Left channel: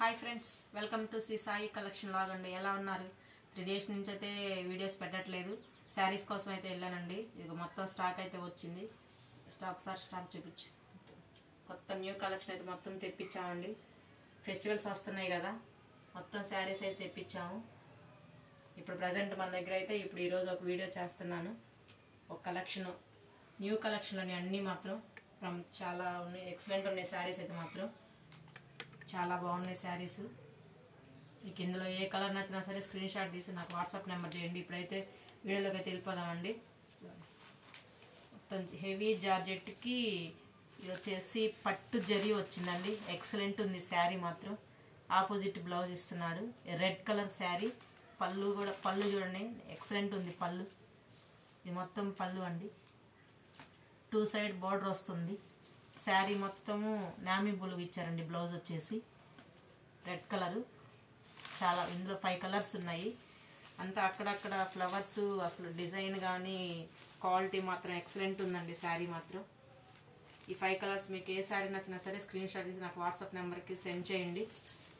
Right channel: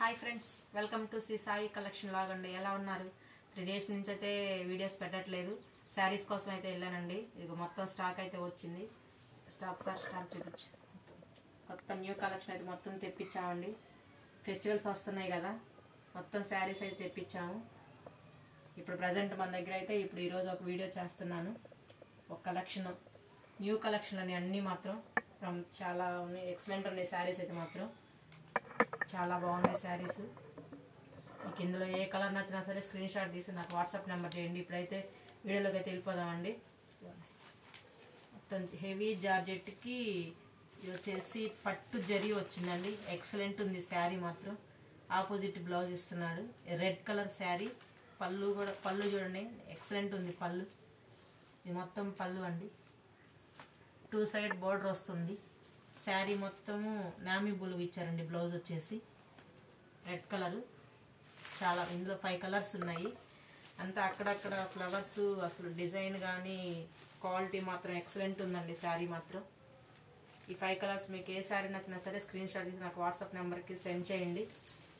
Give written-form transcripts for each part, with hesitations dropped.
Hi friends, welcome to Shri Sai collection లాగ్ అండి. ఎలా ఉన్నారు? 3 days నుంచి అయితే వీడియోస్ పెట్టట్లేదు. శారీస్ కోసం అయితే వెళ్ళానండి. ఇది మొత్తం స్టాక్ అయితే వచ్చింది. స్టాక్ చూపించు. కొత్త న్యూ కలెక్షన్ అయితే మొత్తం తెప్పించామండి. ఫెస్టివల్స్ వస్తున్నాయి కదా, మొత్తం శారీస్ అయితే తెప్పించాము. ఇప్పుడు ప్రజెంట్ మన దగ్గర అయితే ఈరోజు ఒక వీడియో చేస్తున్నాను. ఒక కలెక్షన్, న్యూ కలెక్షన్లోని అన్నీ మాత్రం చాలా ఉన్నాయి. ఎక్సలెంట్ ఉన్నాయి శారీస్ అయితే మాత్రం చాలా బాగున్నాయి శారీస్. మీకు ఇందులో ఏ కలర్ నచ్చినా సరే స్క్రీన్ షాట్ తీసి నాకు వాట్సాప్ నెంబర్ చేయండి. ఇప్పుడైతే వీడియోలోకి అయితే వెళ్ళిపోదామండి. మొత్తం హెవీ జార్జెట్కి ఇది వచ్చేసి పట్టు జరీ వచ్చిందండి. ఎక్సలెంట్ ఉంది శారీ మాత్రం. ఆపోజిట్ బ్లౌజ్ ఇస్తున్నాడు. Red colour sari. పళ్ళు చూడండి, ఎక్సలెంట్ ఉంది పళ్ళు. ఇది మొత్తం పళ్ళు అండి. 2 side బార్డర్ వస్తుంది. శారీ మొత్తము నామీ బులుగు ఇచ్చారండి. బ్లౌజ్ వచ్చేసి రెడ్ కలరు. చాలా ఇందులో 5 కలర్స్ ఉన్నాయి. అంతా అక్కడక్కడ ఫ్లవర్స్, అసలు డిజైన్ కానీ క్వాలిటీ మాత్రం ఎక్సలెంట్ ఉందండి శారీ మాత్రం. ఈ 5 కలర్స్ మీకు ఏ శారీ నచ్చినా సరే స్క్రీన్ షాట్ తీసి నాకు వాట్సాప్ నెంబర్కి సెండ్ చేయండి.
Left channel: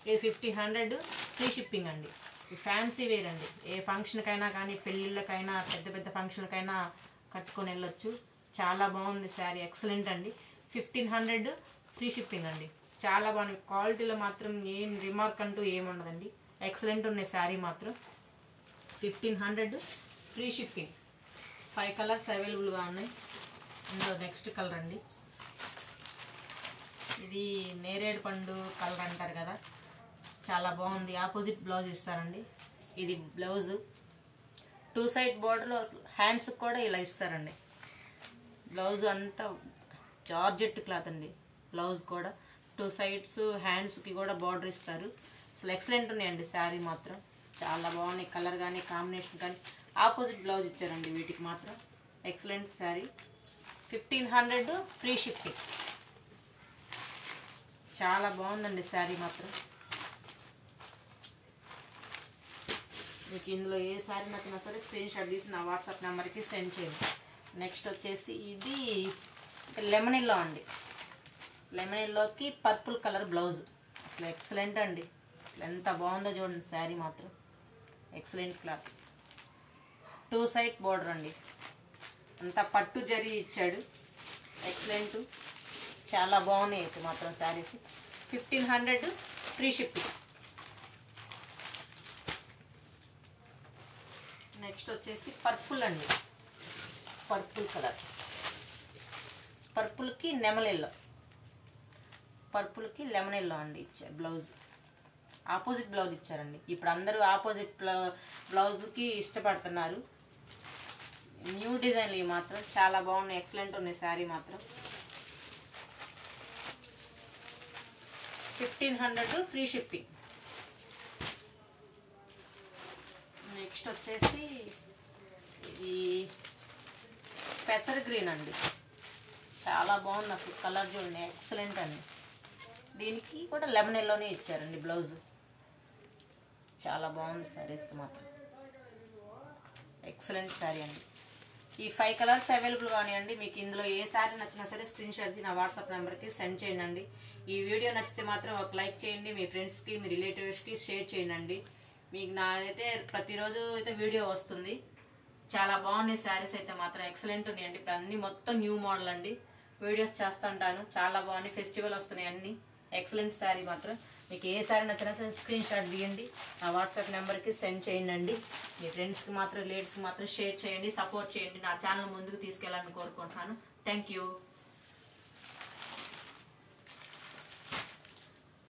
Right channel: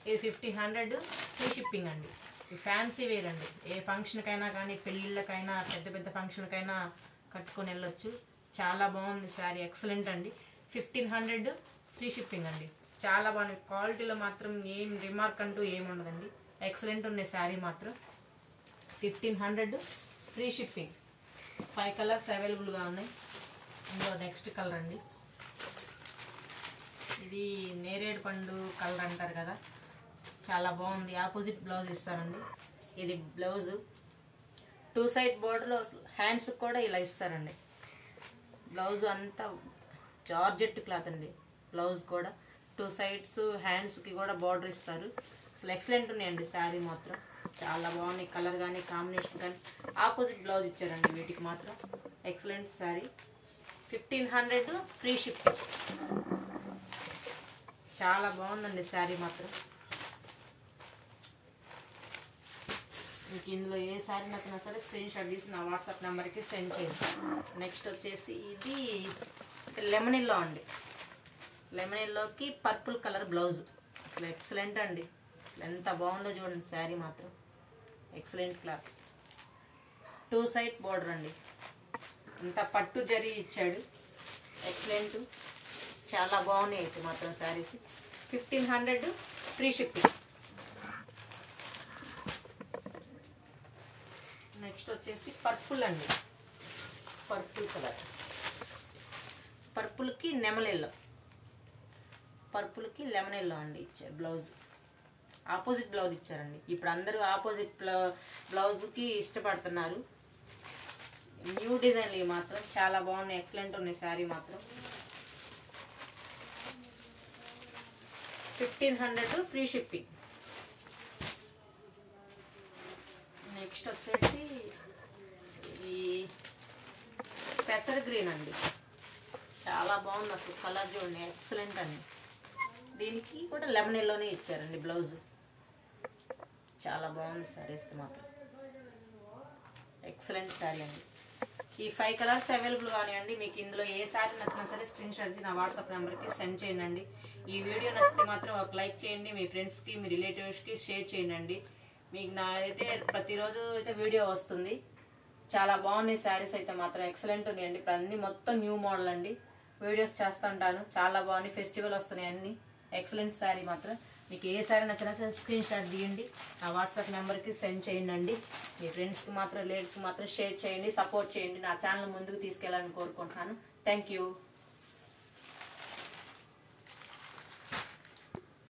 ఇది 1500 ఫ్రీ షిప్పింగ్ అండి. ఇది ఫ్యాన్సీ వేర్ అండి. ఏ ఫంక్షన్కైనా కానీ, పెళ్ళిళ్ళకైనా, పెద్ద పెద్ద ఫంక్షన్కైనా కట్టుకొని వెళ్ళొచ్చు. చాలా బాగుంది శారీ, ఎక్సలెంట్ అండి. 1500 ఫ్రీ షిప్పింగ్ అండి. చాలా బాగుంది. క్వాలిటీలో మాత్రం ఏం రిమార్క్ అంటూ ఏముండదండి. ఎక్సలెంట్ ఉన్నాయి శారీ మాత్రం. 1500 ఫ్రీ షిప్పింగ్. 5 కలర్స్ అవైలబుల్గా ఉన్నాయి. ఇందులో నెక్స్ట్ కలర్ అండి. ఇది నేరేడు పండు కలర్ అంటారు కదా, చాలా బాగుంది. ఆపోజిట్ బ్లౌజ్ ఇస్తారండి. ఇది బ్లౌజ్ 2 side బోర్డర్లో హ్యాండ్స్ కూడా ఇలా ఇస్తారండి. బ్లౌజ్ అంతా జార్జెట్ క్లాత్ అండి. బ్లౌజ్ కూడా 2 sides హ్యాండ్స్కి కూడా బార్డర్ ఇస్తారు. అసలు ఎక్సలెంట్ ఉన్నాయండి శారీ మాత్రం. చాలా బాగున్నాయి. కలర్ కానీ, కాంబినేషన్ కానీ. ఆపోజిట్ బ్లౌజ్ ఇచ్చారండి వీటికి మాత్రం. ఎక్సలెంట్ శారీ. 1500 free shipping. చాలా బాగుందండి శారీ మాత్రం. మీకు ఇందులో ఏ శారీ నచ్చినా సరే స్క్రీన్ షాట్ తీసి నా వాట్సాప్ నెంబర్కి సెండ్ చేయండి. నెక్స్ట్ వచ్చేసి ఇది లెమన్ ఎల్లో అండి. లెమన్ ఎల్లోకి పర్పుల్ కలర్ బ్లౌజ్. అసలు ఎక్సలెంట్ అండి. ఎంత బాగుందో చూడండి శారీ మాత్రం. Excellent cloth. 2 side బార్డర్ అండి. అంతా పట్టు జరీ ఇచ్చాడు. ఎక్సలెంట్. చాలా బాగున్నాయి అయితే మాత్రం శారీస్. 1500 free shipping. నెక్స్ట్ వచ్చేసి పర్పుల్ అండి. Purple colour. పర్పుల్కి లెమన్ ఎల్లో. పర్పుల్కి లెమన్ ఎల్లో అండి ఇచ్చారు. బ్లౌజ్ ఆపోజిట్ బ్లౌజ్ ఇచ్చారండి. ఇప్పుడు అందరూ ఆపోజిట్ బ్లౌజ్కి ఇష్టపడుతున్నారు. న్యూ డిజైన్లు ఇవి మాత్రం చాలా బాగున్నాయి. ఎక్సలెంట్ ఉన్నాయి శారీ మాత్రం. 1500 ఫ్రీ షిప్పింగ్. నెక్స్ట్ వచ్చేసి ఇది పెసర్ గ్రీన్ అండి. చాలా బాగుంది అసలు. కలర్ చూడండి, ఎక్సలెంట్ అండి. దీనికి కూడా లెమన్ ఎల్లోనే ఇచ్చారండి బ్లౌజ్. చాలా బాగుంది శారీస్కి మాత్రం. ఎక్సలెంట్ శారీ అండి. ఈ 5 కలర్స్ అవైలబుల్ కానివ్వండి. మీకు ఇందులో ఏ శారీ నచ్చినా సరే స్క్రీన్ షాట్ నా వాట్సాప్ నెంబర్కి సెండ్ చేయండి. ఈ వీడియో నచ్చితే మాత్రం ఒక లైక్ చేయండి. మీ ఫ్రెండ్స్కి, మీ రిలేటివ్స్కి షేర్ చేయండి. మీకు నాదైతే ప్రతిరోజు అయితే వీడియో వస్తుంది. చాలా బాగున్నాయి శారీస్ అయితే మాత్రం. ఎక్సలెంట్ ఉన్నాయండి. ఇప్పుడు అన్ని మొత్తం న్యూ మోడల్ అండి. వీడియోస్ చేస్తుంటాను. చాలా బాగున్నాయి. ఫెస్టివల్ వస్తున్నాయి అన్ని. ఎక్సలెంట్ శారీ మాత్రం. మీకు ఏ శారీ నచ్చినా సరే స్క్రీన్ షాట్ తీయండి. నా వాట్సాప్ నెంబర్కి సెండ్ చేయండి. మీ ఫ్రెండ్స్కి మాత్రం, లేడీస్కి మాత్రం షేర్ చేయండి. సపోర్ట్ చేయండి. నా ఛానల్ ముందుకు తీసుకెళ్ళాలని కోరుకుంటున్నాను. Thank you.